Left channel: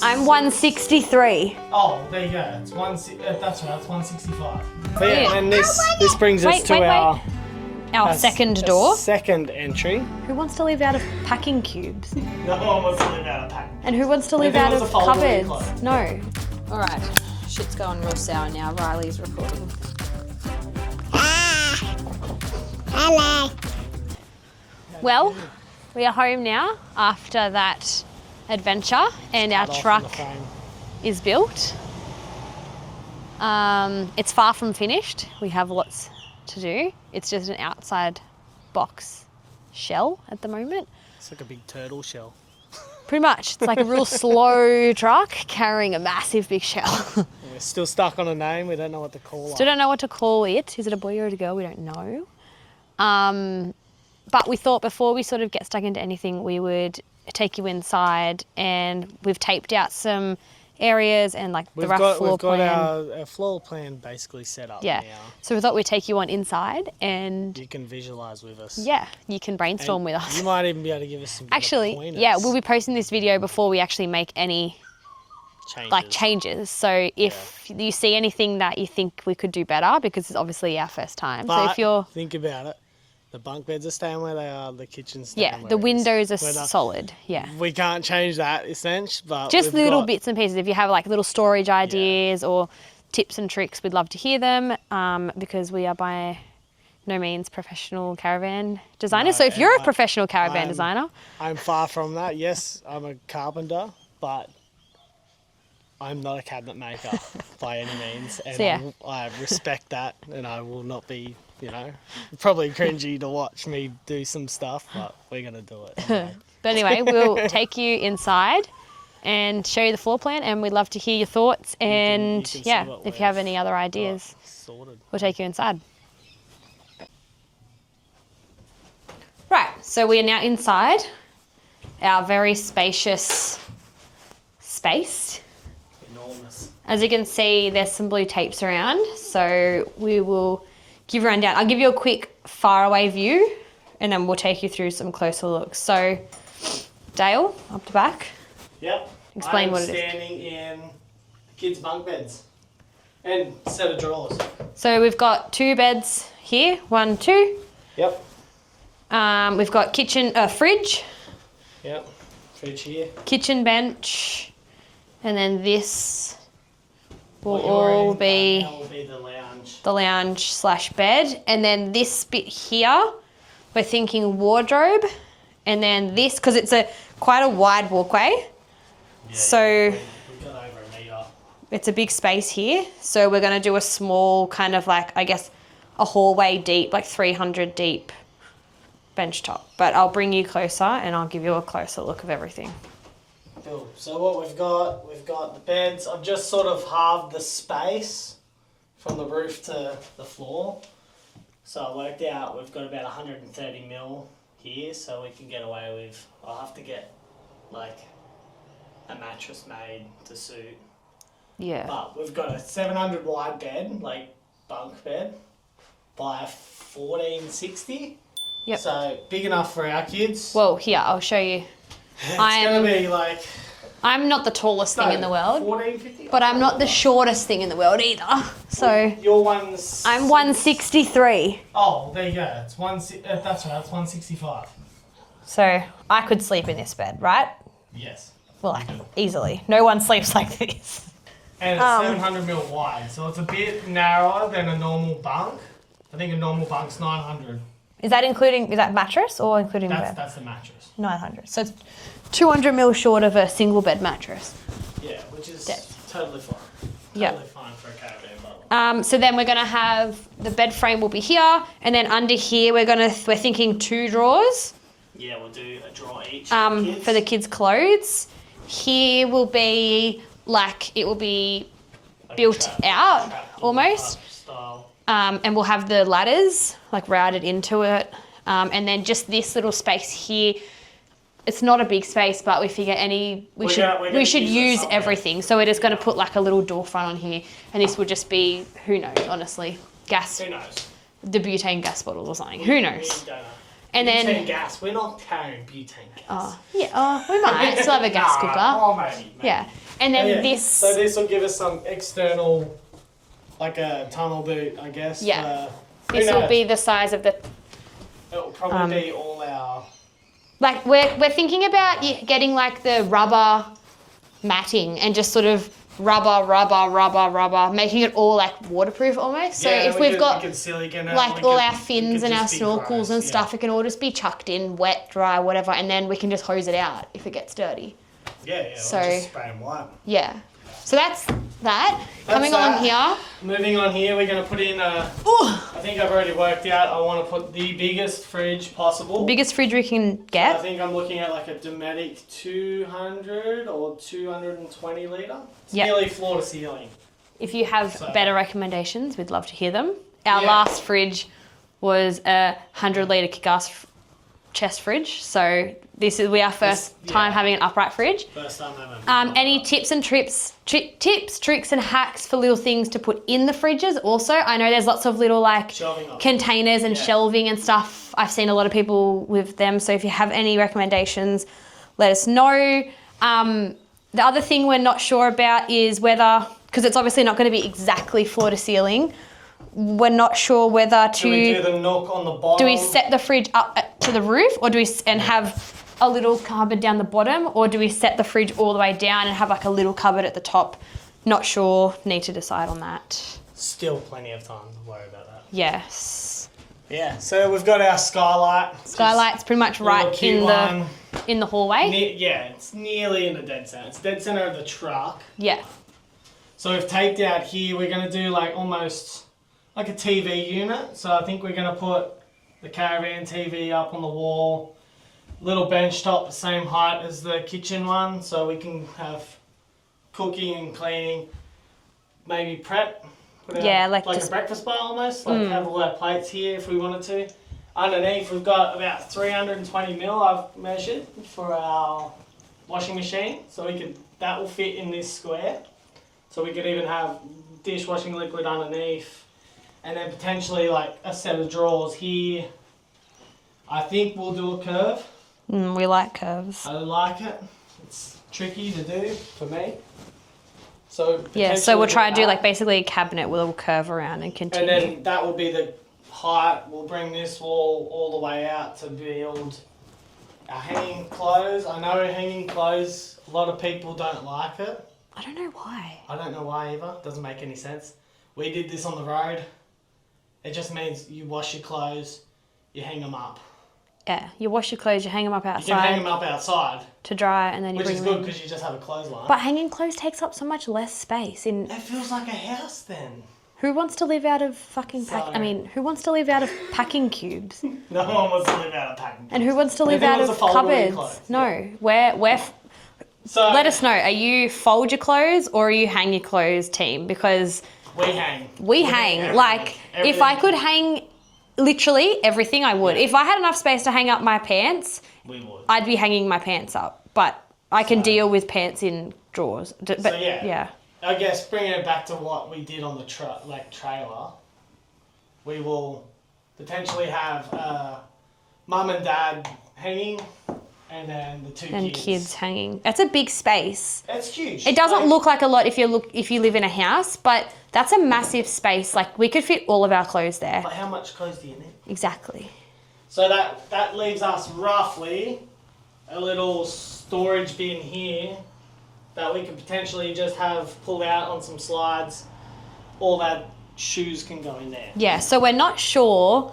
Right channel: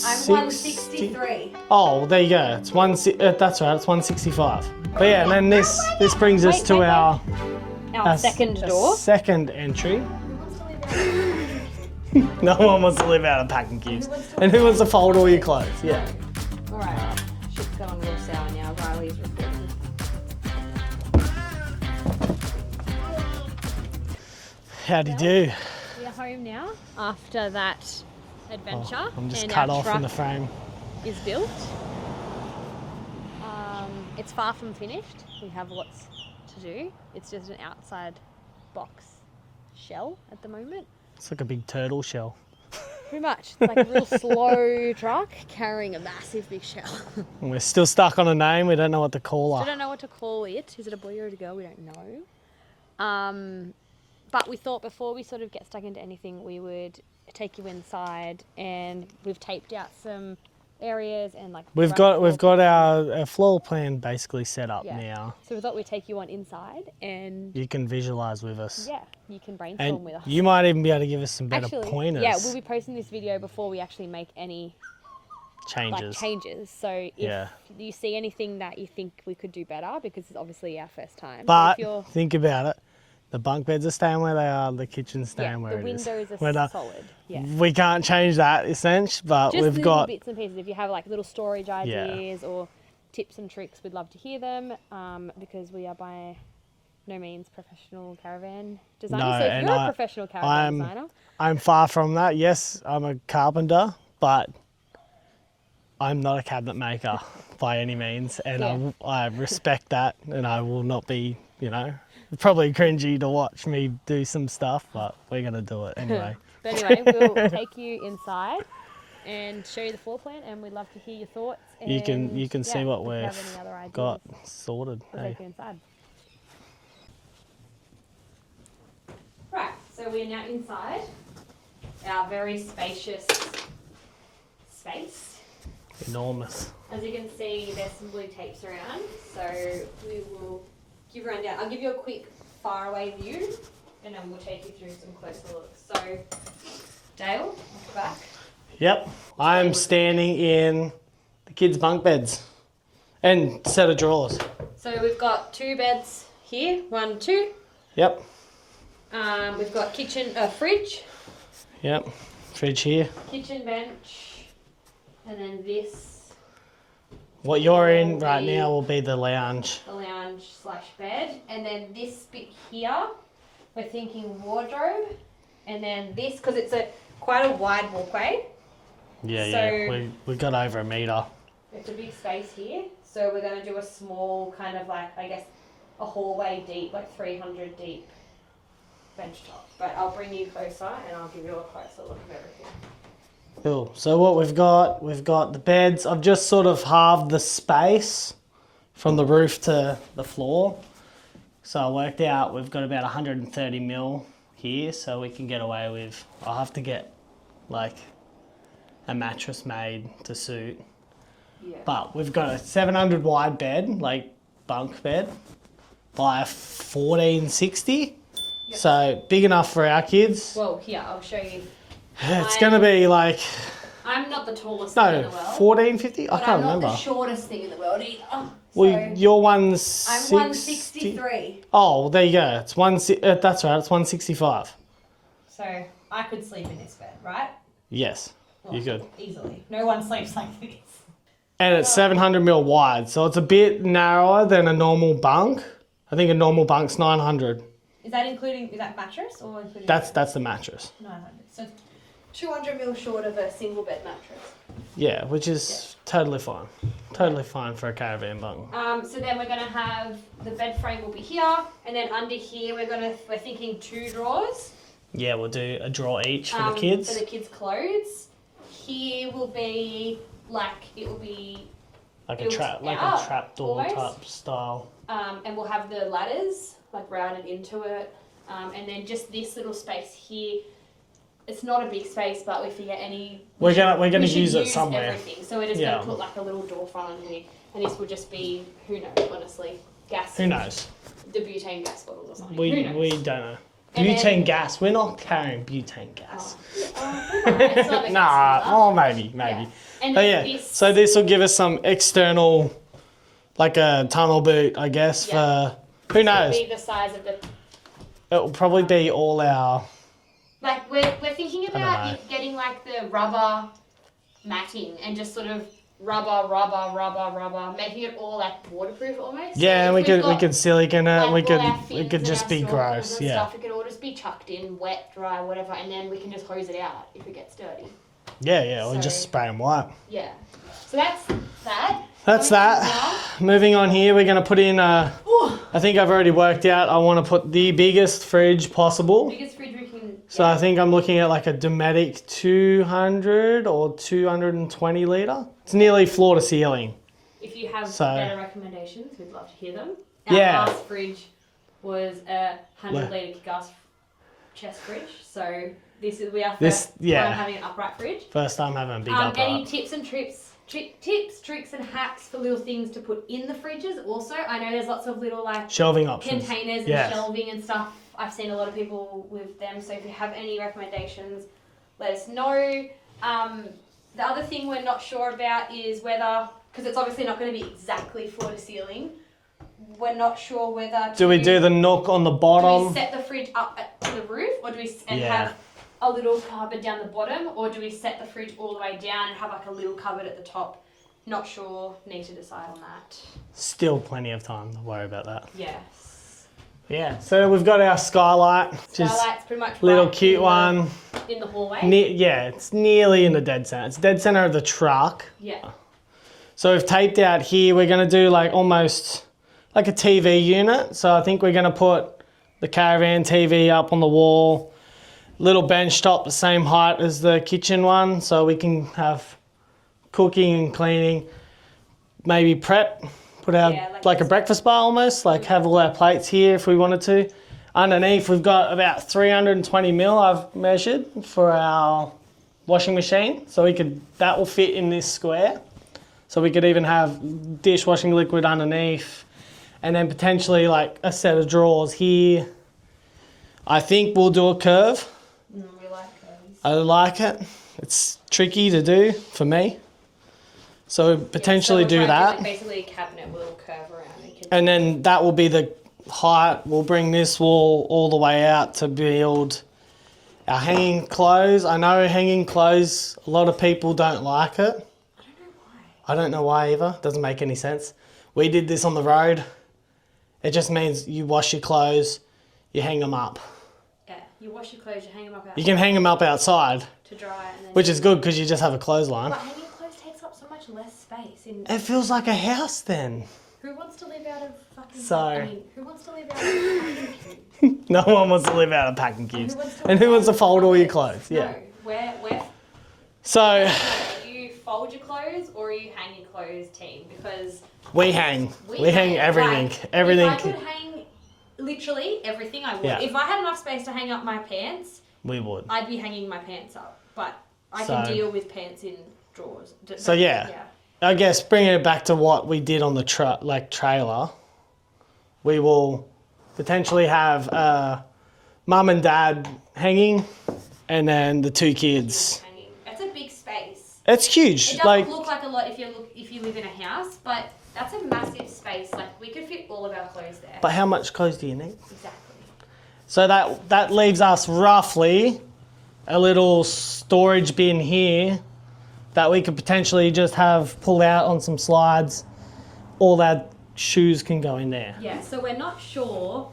I'm 163. Oh, well, there you go. It's that's right. It's 165. But yeah, and then this brings us to our second door. Second entry. Who wants to live out of packing cubes? No one wants to live out of packing cubes. And who wants to live out of foldable cupboards? clothes. No. Yeah. All right. Shit's going real sour now. Riley's recording. Hello. How do you do? We are home now after that adventure, and our truck is built. It's far from finished. We have lots to do. It's just an outside box shell at the moment. It's like a big turtle shell. Pretty much. It's like a real slow truck carrying a massive big shell. And we're still stuck on a name. We don't know what to call it. Still don't know what to call it. Is it a boy or a girl? We don't know. But we thought before we sort of get stuck into anything, we would take you inside, and we've taped out some areas and like we've got our floor plan basically set up now. So we thought we'd take you on inside, and you can visualize with us. Yeah, you can brainstorm with us. You might even be able to give us some better pointers. Yeah, we'll be posting this video before we actually make any changes. So if you see anything that you think we could do better, because it's obviously our first time. But so if you're think about it. The bunk beds are staying where they are, the kitchen's staying where it is. Yeah, the windows are solid, We can't change that, essentially, but just little bits and pieces. If you have like little storage ideas or tips and tricks, we'd love to hear them, because we are by no means professional caravan designers. So if you're a professional caravan designer. I'm far from that. Yes, I'm a carpenter, but I'm not a cabinet maker by any means. And I respect that, and I will not be... You know, probably cringy to watch me do some stuff, but we're going to do it anyway. But anyway, we'll take you inside and show you the floor plan, and we'd love to hear your thoughts. And if you have any other ideas, sorted. We'll take you inside. Right, so we are now inside our very spacious space. Enormous. As you can see, there's some blue tapes around, so we will give a rundown. I'll give you a quick faraway view, and then we'll take you through some closer looks. So, Dale, up the back. Yep, I'm standing in the kids' bunk beds and set of drawers. So we've got 2 beds here, 1, 2. Yep. We've got fridge. Yep, fridge here. Kitchen bench, and then this. What you're in right now will be the lounge. The lounge / bed. And then this bit here, we're thinking wardrobe. And then this, because it's quite a wide walkway. Yeah, we've got over 1 metre. It's a big space here. So we're going to do a small kind of like, I guess, a hallway deep, like 300 deep bench top. But I'll bring you closer and I'll give you a closer look of everything. Cool. So what we've got the beds. I've just sort of halved the space from the roof to the floor. So I worked out we've got about 130 mil here, so we can get away with, I'll have to get like a mattress made to suit. Yeah. But we've got a 700 wide bed, like bunk bed, by a 1460. Yep. So big enough for our kids. Well, here, I'll show you. It's going to be like... I'm not the tallest thing in the world. 1450? But I'm not the shortest thing in the world either. So your one's... I'm 163. Oh, well, there you go. It's that's right, it's 165. So I could sleep in this bed, right? Yes. Well, you could. Easily. No one sleeps like this. And it's 700 mil wide, so it's a bit narrower than a normal bunk. I think a normal bunk's 900. Is that mattress or including the bed? That's the mattress. 900. So it's 200 mil short of a single bed mattress. Yeah, which is totally fine. Totally fine for a caravan bunk. So then we're going to have the bed frame will be here, and then under here we're thinking 2 drawers. Yeah, we'll do a drawer each for the kids. For the kids' clothes. Here will be like built out almost. Style. And we'll have the ladders like routed into it. And then just this little space here. It's not a big space, but we figure we should use everything. So we're just going to put like a little door front on here, and this will just be, who knows, honestly, gas. Who knows? The butane gas bottles or something. Who knows? We don't know. And butane then, gas. We're not carrying butane gas. oh, yeah, oh, we might still have a gas cooker. Oh, maybe. Yeah. And then this. So this will give us some external, like a tunnel boot, I guess. Yeah. Who knows? This will be the size of the. It will probably be all our. Like we're thinking about getting like the rubber matting and just sort of rubber, making it all like waterproof almost. Yeah, so if we can silicone it. Like all our fins and our snorkels and stuff, it can all just be chucked in, wet, dry, whatever, and then we can just hose it out if it gets dirty. Yeah, or just spray them white. Yeah. So that's that. That's Coming on here. Moving on here, we're going to put in I think I've already worked out, I want to put the biggest fridge possible. Biggest fridge we can get. So I think I'm looking at like a Dometic 200 or 220 litre. It's nearly floor to ceiling. If you have better recommendations, we'd love to hear them. Our last fridge was a 100 litre kick-ass chest fridge. So this is our first time having an upright fridge. First time having a big upright. Any tips and tricks, tricks and hacks for little things to put in the fridges? Also, I know there's lots of little like shelving options. Containers and shelving and stuff. I've seen a lot of people with them. So if you have any recommendations, let us know. The other thing we're not sure about is whether, because it's obviously not going to be exactly floor to ceiling, we're not sure whether to... Do we do the nook on the bottom? Do we set the fridge up to the roof, or do we have a little cupboard down the bottom, or do we set the fridge all the way down and have like a little cupboard at the top? Not sure. Need to decide on that. Still plenty of time to worry about that. Yes. Yeah, so we've got our skylight. Skylight's pretty much right in the hallway. It's nearly in the dead center. It's dead center of the truck. Yeah. So we've taped out here. We're going to do like almost like a TV unit. So I think we're going to put the caravan TV up on the wall. Little bench top the same height as the kitchen one. So we can have cooking and cleaning. Maybe prep. Put out like a breakfast bar almost. Like have all our plates here if we wanted to. Underneath we've got about 320 mil I've measured for our washing machine. So that will fit in this square. So we could even have dishwashing liquid underneath. And then potentially like a set of drawers here. I think we'll do a curve. We like curves. I like it. It's tricky to do for me. So potentially so we'll try and do like basically a cabinet with a little curve around and continue. And then that will be the height. We'll bring this wall all the way out to build our hanging clothes. I know hanging clothes, a lot of people don't like it. I don't know why. I don't know why either. Doesn't make any sense. We did this on the road. It just means you wash your clothes, you hang them up. Yeah, you wash your clothes, you hang them up outside. You can hang them up outside. To dry and then... Which is good because you just have a clothesline. But hanging clothes takes up so much less space. It feels like a house then. Who wants to live out of fucking... who wants to live out of packing cubes? No one wants to live out of packing cubes. And who wants to live out of cupboards? Fold all your clothes. No, so let us know. Are you fold your clothes or are you hang your clothes team? Because... We hang. We hang. Everything. If I could hang... Literally everything I would. Yeah. If I had enough space to hang up my pants, I'd be hanging my pants up. But I can deal with pants in drawers. I guess bringing it back to what we did on the trailer, we will potentially have mum and dad hanging, and then the two kids hanging. That's a big space. It's huge. It doesn't look like a lot if you live in a house, but that's a massive space. Like we could fit all of our clothes there. But how much clothes do you need? Exactly. So that leaves us roughly a little storage bin here that we could potentially just have pull out on some slides. All that shoes can go in there. Yeah, so we're not sure.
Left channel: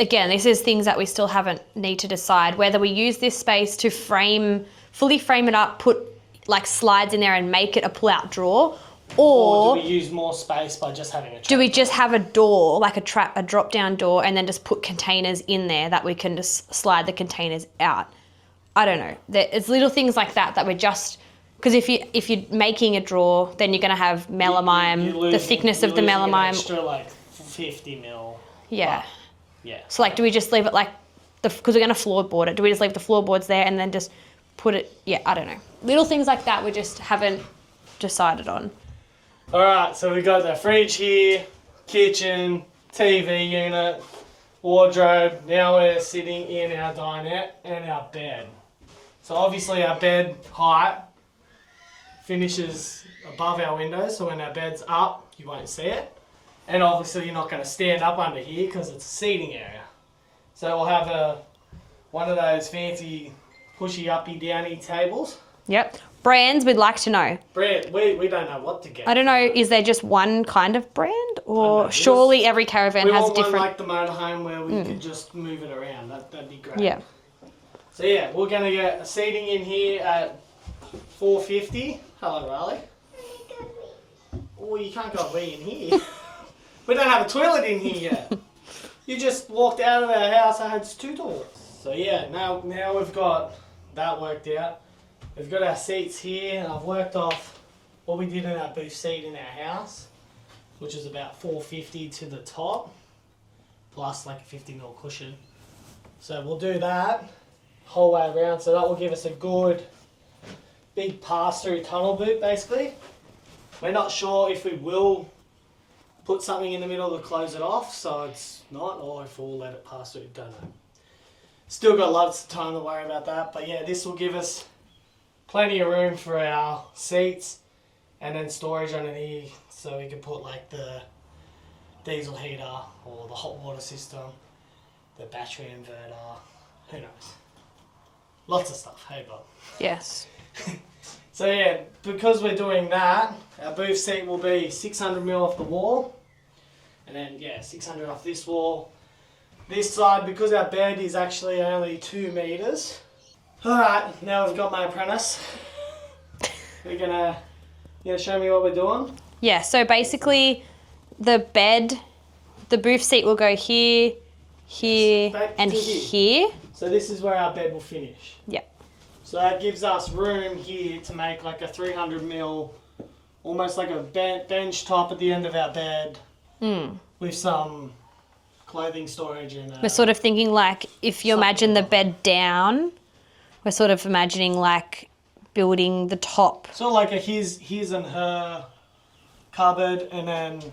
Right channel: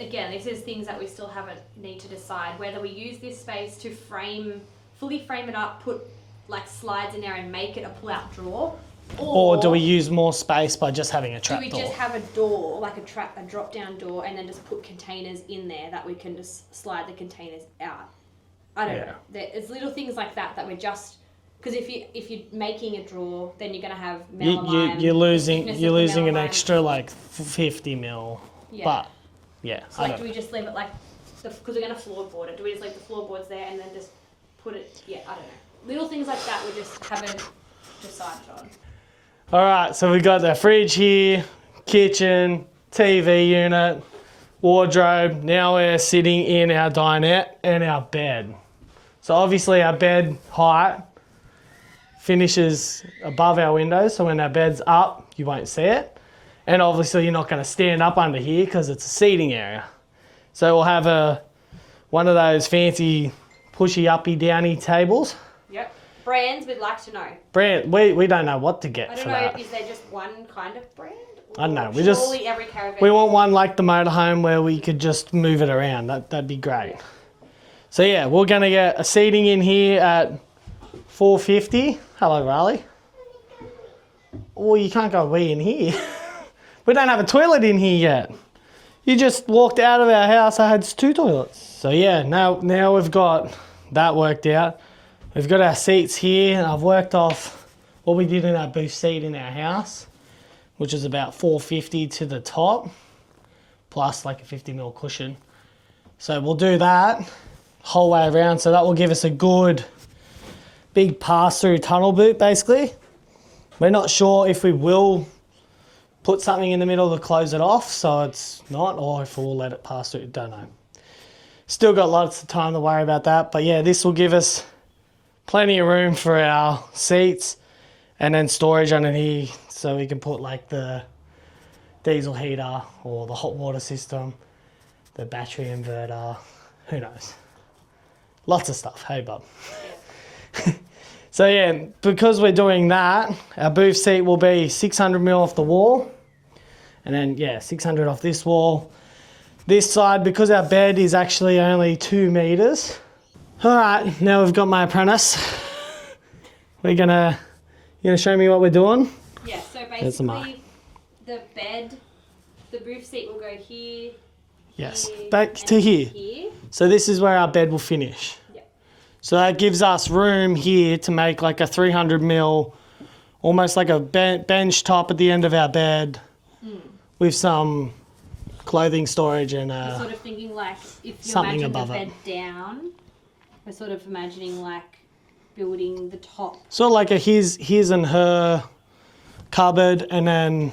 Again, this is things that we still need to decide whether we use this space to fully frame it up, put like slides in there and make it a pull-out drawer. Or do we use more space by just having a trap door? Do we door? just have a door, like a drop-down door, and then just put containers in there that we can just slide the containers out? I don't know. It's little things like that we're just... Because if you're making a drawer, then you're going to have melamine, the thickness of the melamine. An extra like 50 mil. Yeah. Yeah. So do we just leave it like... Because we're going to floorboard it. Do we just leave the floorboards there and then just put it... Yeah, I don't know. Little things like that we just haven't decided on. All right, so we've got the fridge here, kitchen, TV unit. wardrobe. Now we're sitting in our dinette and our bed. So obviously our bed height finishes above our windows, so when our bed's up, you won't see it. And obviously you're not going to stand up under here because it's a seating area. So we'll have one of those fancy pushy uppy downy tables. Yep. Brands we'd like to know. Brand, we don't know what to get. I don't know, that. is there just one kind of brand? Or surely surely every caravan has want one different... like the motorhome where we could just move it around. That'd be great. Yeah. So yeah, we're going to get a seating in here at 450. Hello, Riley. Oh, you can't go wee in here. We don't have a toilet in here yet. You just walked out of our house, I had 2 toilets. So yeah, now we've got that worked out. We've got our seats here, and I've worked off what we did in our booth seat in our house, which is about 450 to the top, plus like a 50mm cushion. So we'll do that whole way around, so that will give us a good big pass-through tunnel boot, basically. We're not sure if we will put something in the middle to close it off, so it's not, or if we'll let it pass through, don't know. Still got lots of time to worry about that, but yeah, this will give us plenty of room for our seats and then storage underneath, so we can put like the diesel heater or the hot water system, the battery inverter, who knows. Lots of stuff, hey Bob? Yes. So yeah, because we're doing that, our booth seat will be 600mm off the wall, and then yeah, 600 off this wall. This side, because our bed is actually only 2 meters. All right, now we've got my apprentice. You gonna show me what we're doing? Yeah, so basically the bed, the booth seat will go here, here, yes, back and to here. So this is where our bed will finish. Yeah. So that gives us room here to make like a 300mm, almost like a bench top at the end of our bed with some clothing storage and... We're sort of thinking like, if you imagine the bed down, we're sort of imagining like building the top. Sort of like a his and her cupboard, and then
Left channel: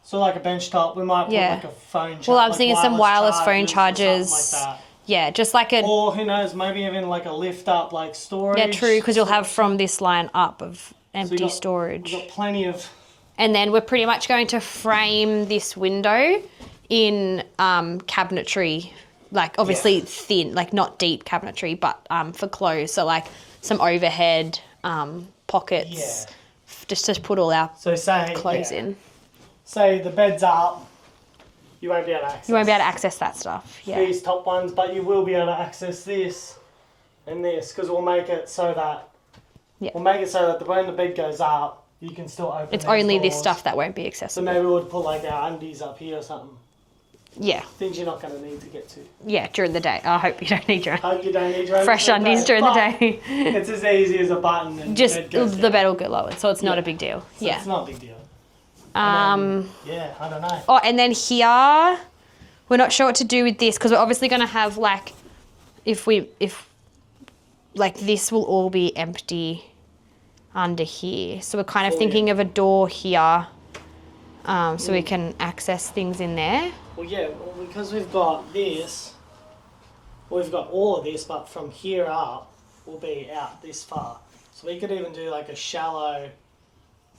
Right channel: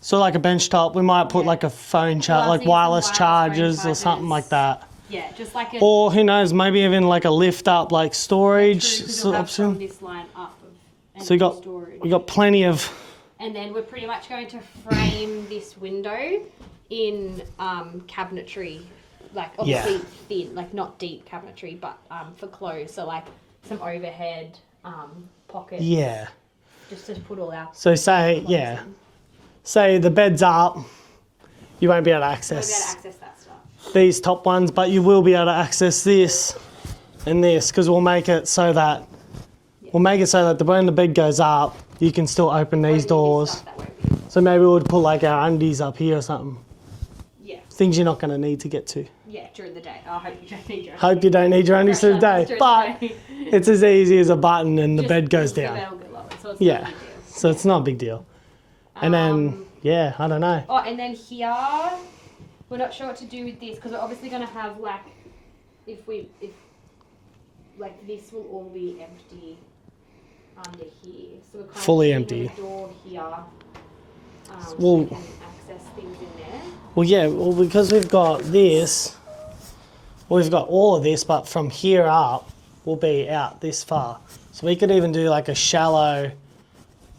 sort of like a bench top. We might put like a phone charger, like wireless phone chargers or something like that. Yeah, just like a... Or who knows, maybe even like a lift up like storage. Yeah, true, because you'll have from this line up of empty storage. We've got plenty of... And then we're pretty much going to frame this window in cabinetry, like obviously thin, like not deep cabinetry, but for clothes. So like some overhead pockets. Yeah. Just to put all our clothes in. Say the bed's up, you won't be able to access... You won't be able to access that stuff. Yeah. These top ones, but you will be able to access this and this, because we'll make it so that... Yeah. We'll make it so that when the bed goes up, you can still open these doors. It's only this stuff that won't be accessible. So maybe we'll put like our undies up here or something. Yeah. Things you're not going to need to get to. Yeah, during the day. I hope you don't need your Hope you don't need your fresh undies during the day. It's as easy as a button and the bed goes down. The bed will get lowered, so it's not a big deal. So it's not a big deal. And then, yeah, I don't know. Oh, and then here, we're not sure what to do with this, because we're obviously going to have like, if like this will all be empty under here. So we're kind of thinking of a door here, so we can access things in there. Well, yeah, because we've got this, we've got all of this, but from here up, we'll be out this far. So we could even do like a shallow,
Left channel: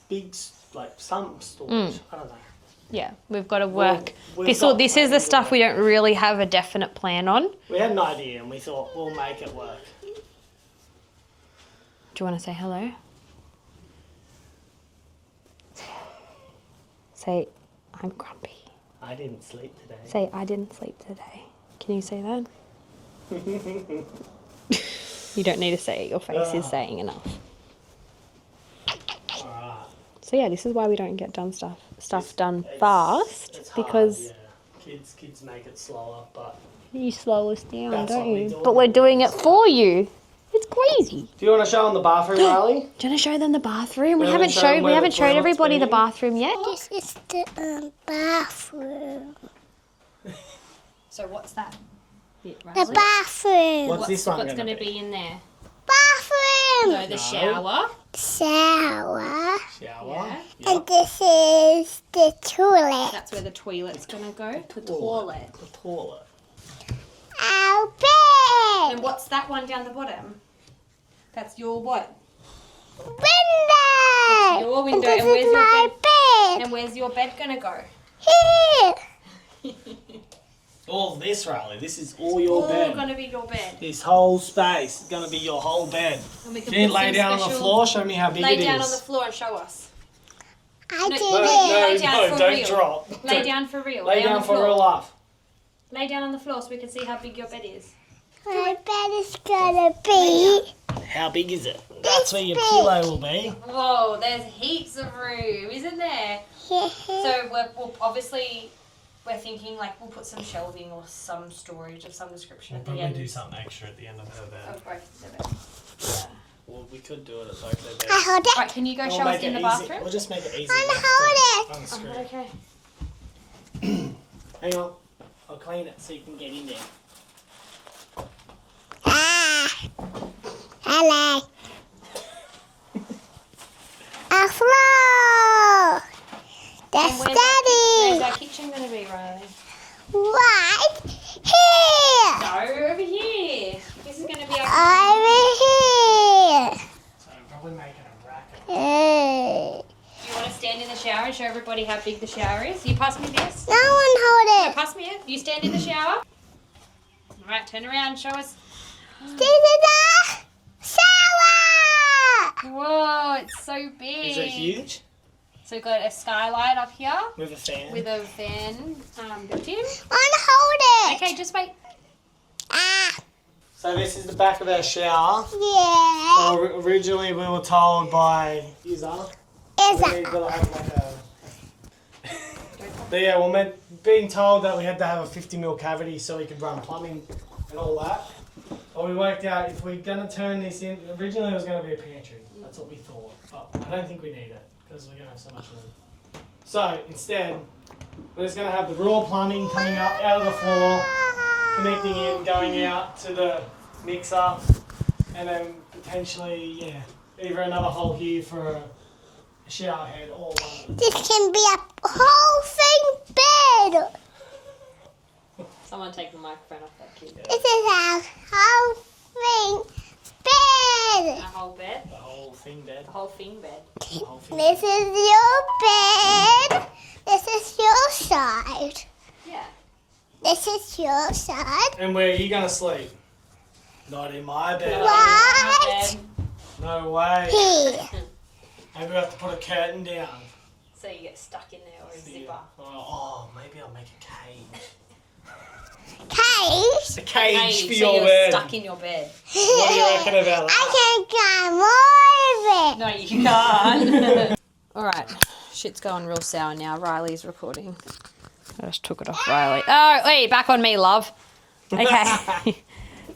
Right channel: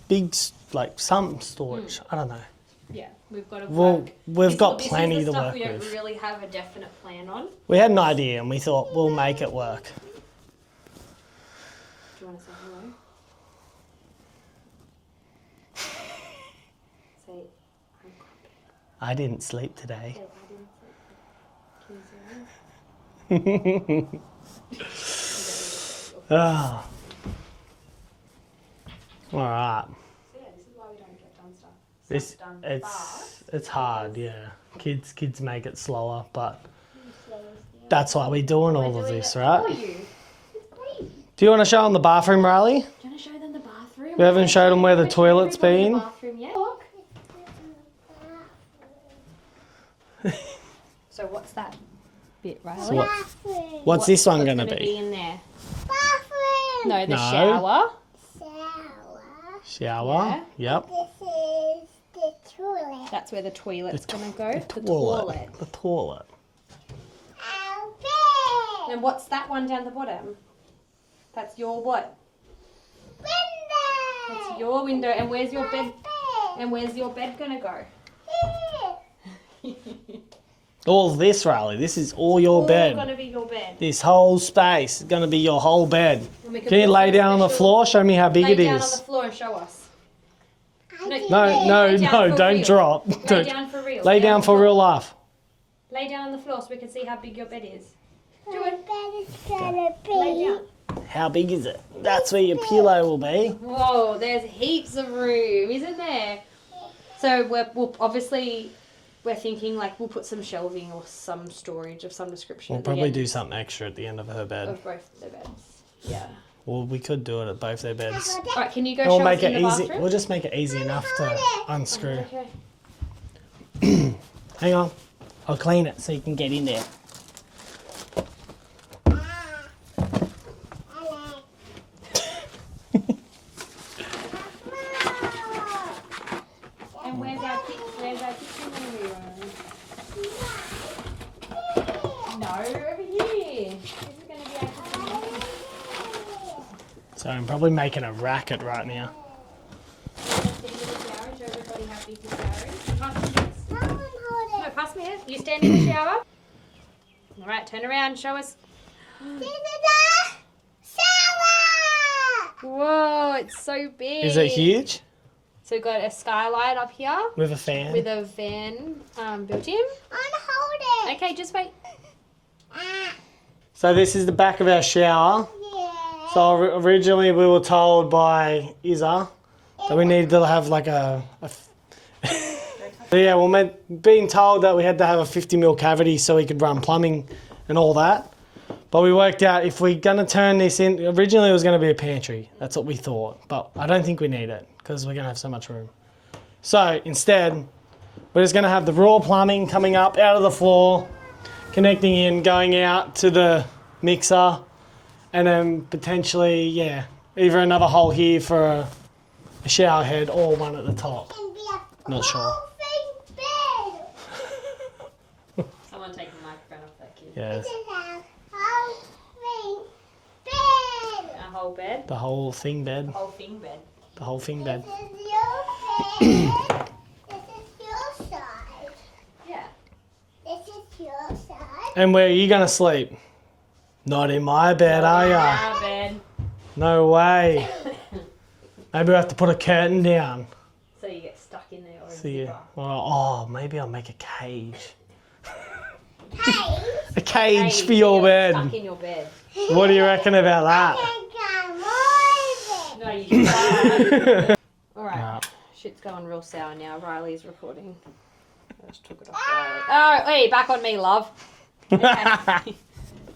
big, like some storage. I don't know. Yeah, we've got to work. This is the stuff we don't really have a definite plan on. We had an idea and we thought we'll make it work. Do you want to say hello? Say, I'm grumpy. I didn't sleep today. Say, I didn't sleep today. Can you say that? You don't need to say it. Your face is saying enough. All right. So yeah, this is why we don't get stuff done fast. It's hard, yeah. Kids make it slower, but you slow us down. That's why we're doing. But we're doing it for you. It's crazy. Do you want to show them the bathroom, Riley? Do you want to show them the bathroom? We haven't shown everybody the bathroom yet. This is the bathroom. So what's that bit, Riley? The bathroom. What's this one going to be in there? Bathroom. No, the shower. Shower. Shower. Yeah. Yep. And this is the toilet. That's where the toilet's gonna go. The toilet. Our bed. And what's that one down the bottom? That's your what? Window. Your window. And And this where's is your my bed? bed. And where's your bed gonna go? Here. All this, Riley. This is all your All bed. gonna be your bed. This whole space is going to be your whole bed. And we Can you put lay some down on the special- floor? Show me how big Lay it down on the is. floor and show us. I did No, it. no, Lay down no, for don't real. drop. Lay Don't- down for real. Lay on down the for floor. real life. Lay down on the floor so we can see how big your bed is. My bed is gonna be. How big is it? That's where your pillow will be. Whoa, there's heaps of room, isn't there? So we're thinking like we'll put some shelving or some storage of some description. We'll at the probably end do something extra at the end of her bed. of both their beds. Yeah. Well, we could do it at both their beds. I hold it. Right, can you go We'll show us make in it the easy. bathroom? We'll just make it easy enough hold to unscrew. Okay. Hang on. I'll clean it so you can get in there. Hello. A floor. That's Where's Daddy. our kitchen going to be, Riley? Right here. No, over here. This is going to be our Over here. So I'm probably making a racket right now. You want to stand in the shower and show everybody how big the shower is? You pass me this. No one hold it. Pass me it. You stand in the shower. All right, turn around. Show us. This is the shower. Whoa, it's so big. Is it huge? So we've got a skylight up here With a fan? with a fan built in. Unhold it. Okay, just wait. So this is the back of our shower. Yeah. So originally we were told by Izza that we needed to have like a yeah, well, being told that we had to have a 50mm cavity so we could run plumbing and all that. But we worked out if we're going to turn this in, originally it was going to be a pantry. That's what we thought. But I don't think we need it because we're going to have so much room. So instead, we're just going to have the raw plumbing coming up out of the floor, connecting in, going out to the mixer, and then potentially, yeah, either another hole here for a shower head or one at the This top. can be a Not whole thing bed. Someone take the microphone off that kid. Yeah, This is a whole thing bed. A whole bed. the whole thing bed. Whole thing bed. The whole thing This bed. is your bed. This is your side. Yeah. This is your side. And where are you going to sleep? Not in my bed, are ya? Whole bed. No way. Here. Maybe we have to put a curtain down. So you get stuck in there or a So you, zipper. oh, maybe I'll make a cage. Cage. A cage Hey, for so your you're bed. stuck in your bed. What do you reckon about that? I can get more of it. No, you can't. All right. Shit's going real sour now. Riley's recording. I just took it off Riley. Oh, wait, back on me, love. Okay.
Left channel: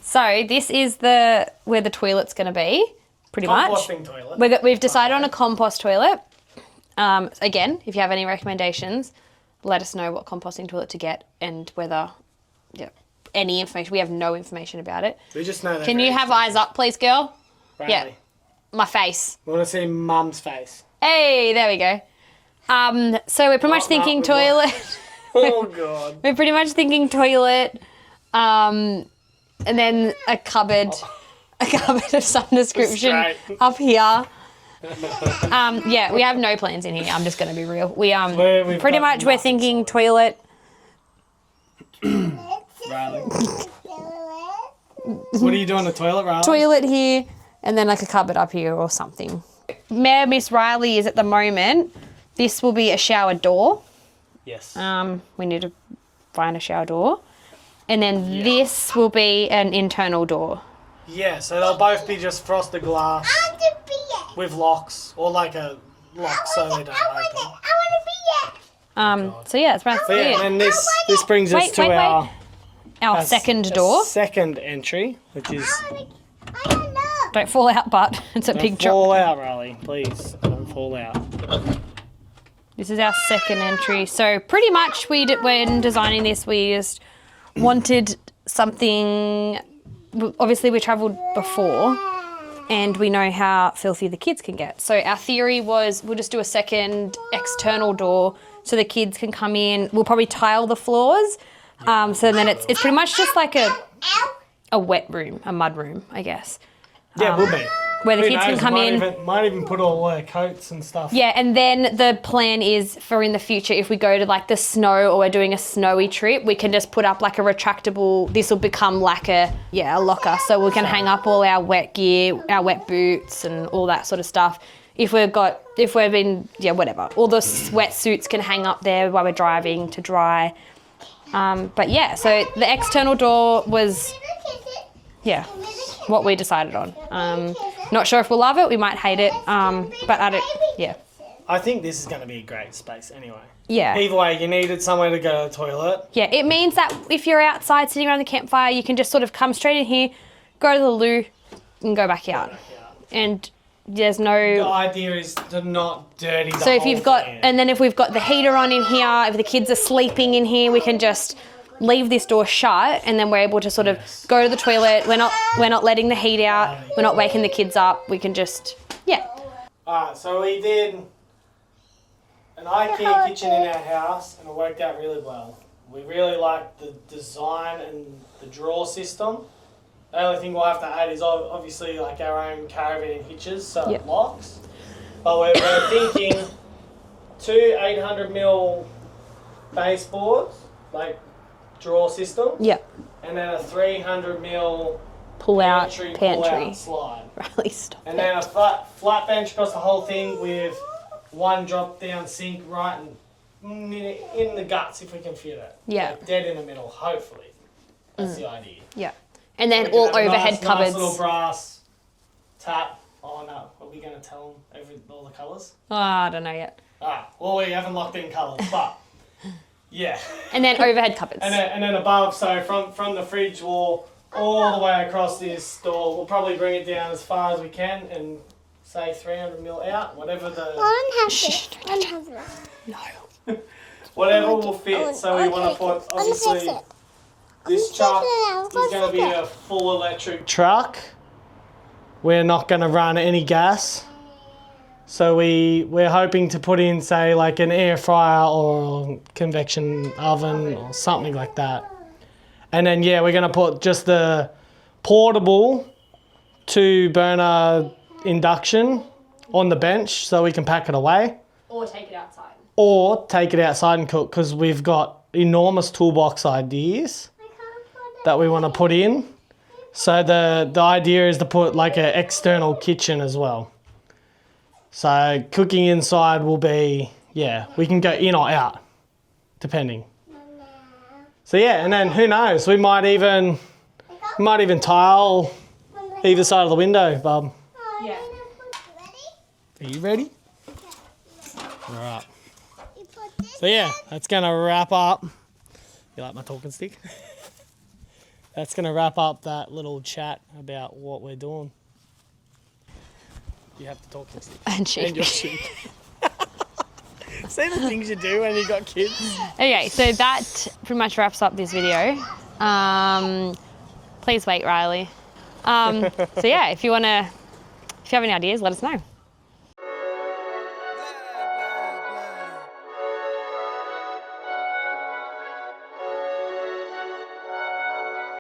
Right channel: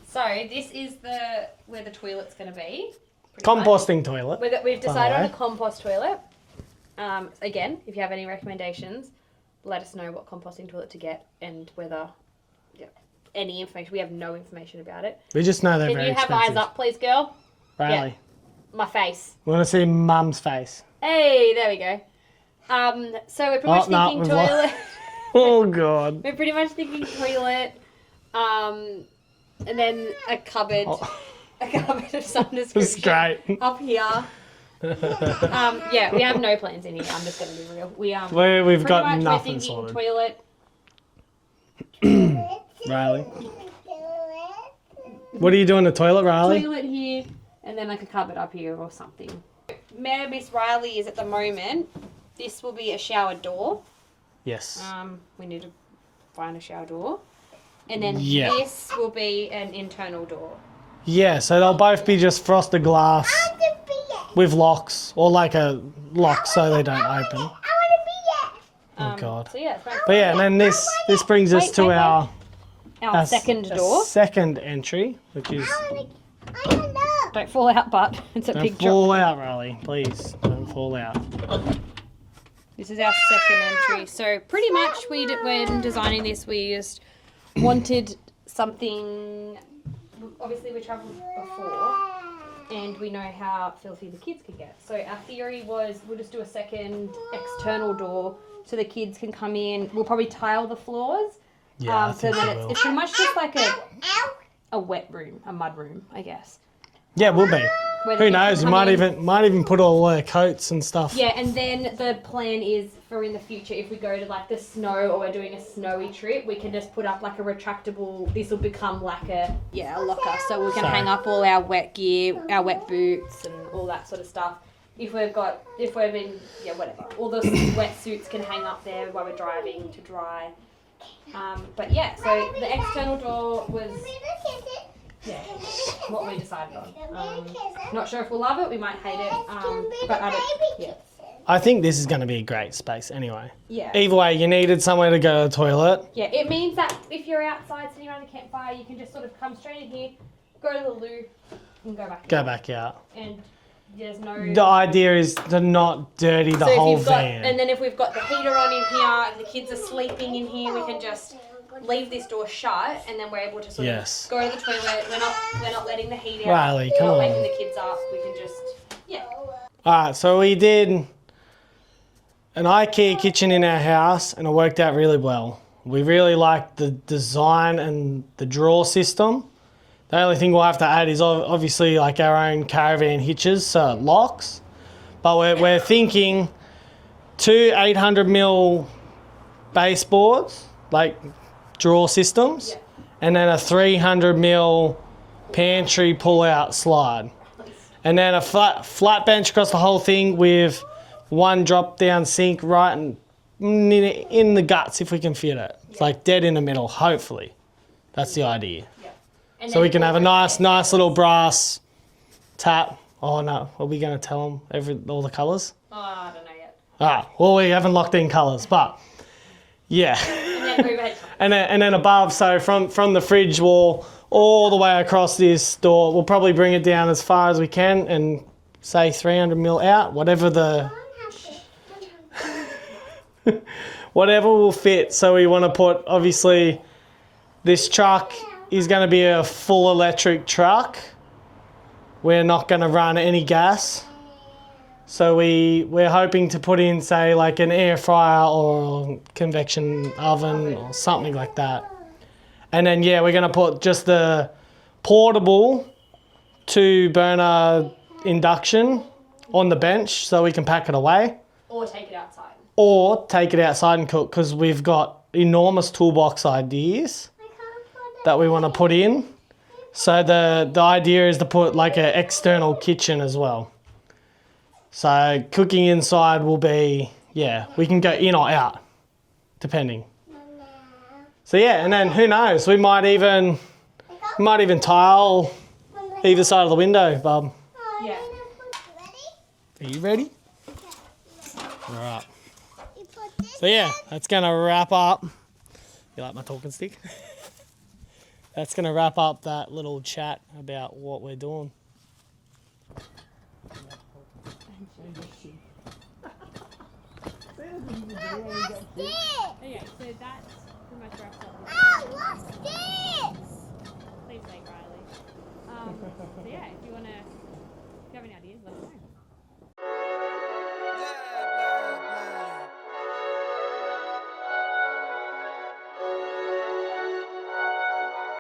So this is where the toilet's going to be, pretty much. Composting toilet. We've decided on By a compost toilet. Again, if you have any recommendations, let us know what composting toilet to get and whether, any information. We have no information about it. We just know that. Can you have eyes up, please, girl? Riley. Yeah. My face. We want to see Mum's face. Hey, there we go. So we're pretty much no, thinking we've toilet. Oh, God. We're pretty much thinking toilet, and then a cupboard of some description great. up here. Yeah, we have no plans in here. I'm just going to be real. We've pretty got much we're nothing thinking sorted. toilet, Riley. What are you doing, the toilet, Riley? toilet here, and then like a cupboard up here or something. Where Miss Riley is at the moment, this will be a shower door. Yes. We need to find a shower door. And then Yeah. this will be an internal door. Yeah, so they'll both be just frosted glass I want to be it. with locks, or like a lock so they don't I open. want to be it. God. So yeah, it's about But yeah, and then this brings us Wait, to wait, our our second door. second entry, which is I don't know. Don't fall out, but it's a big don't drop. fall out, Riley. Please don't fall out. This is our second entry. So pretty much when designing this, we just wanted something. Obviously, we travelled before, and we know how filthy the kids can get. So our theory was we'll just do a second external door so the kids can come in. We'll probably tile the floors. So then it's pretty much just like a wet room, a mud room, I guess. Yeah, it will be. Where the Who kids knows? can come in. Might even put all their coats and stuff. Yeah, and then the plan is for in the future, if we go to like the snow or we're doing a snowy trip, we can just put up like a retractable. This will become like a locker, so we can hang up all our wet gear, our wet boots, and all that sort of stuff. If we've been whatever, all the wetsuits can hang up there while we're driving to dry. But yeah, so the external door was what we decided on. Not sure if we'll love it, we might hate it, but I think this is going to be a great space anyway. Yeah. Either way, you needed somewhere to go to the toilet. Yeah, it means that if you're outside sitting around the campfire, you can just sort of come straight in here, go to the loo, and go back out. And there's no... The idea is to not dirty the whole van. And then if we've got the heater on in here, if the kids are sleeping in here, we can just leave this door shut, and then we're able to sort of go to the toilet. We're not letting the heat out. Riley, we're not waking the kids up. We can just, Alright, so we did an IKEA kitchen in our house, and it worked out really well. We really liked the design and the drawer system. The only thing we'll have to add is obviously like our own caravan hitches, so it locks. But we're thinking 2 800mm baseboards, like drawer systems. Yeah. And then a 300mm pantry pull-out slide. And then a flat bench across the whole thing with one drop-down sink right in the guts if we can fit it. Yeah. Like dead in the middle, hopefully. That's the idea. Yeah. And then so we can all have a nice cupboards. little brass tap. Oh no, are we going to tell them all the colours? Oh, I don't know yet. Well, we haven't locked in colours, but yeah. And then overhead cupboards. and then above, so from the fridge wall all the way across this door, we'll probably bring it down as far as we can and say 300mm out, whatever the... whatever will fit. So we want to put, obviously, this truck is going to be a full electric truck. We're not going to run any gas. So we're hoping to put in, say, like an air fryer or convection oven or something like that. And then, we're going to put just the portable 2-burner induction on the bench so we can pack it away. Or take it outside. Or take it outside and cook, because we've got enormous toolbox ideas that we want to put in. So the idea is to put like an external kitchen as well. So cooking inside will be, we can go in or out, depending. So and then who knows, we might even tile either side of the window, bub. Yeah. Are you ready? All right. So that's going to wrap up. You like my talking stick? That's going to wrap up that little chat about what we're doing. You have to talk and sheep. And your sheep. See the things you do when you got kids? Okay, so that pretty much wraps up this video. Please wait, Riley. So if you have any ideas, let us know.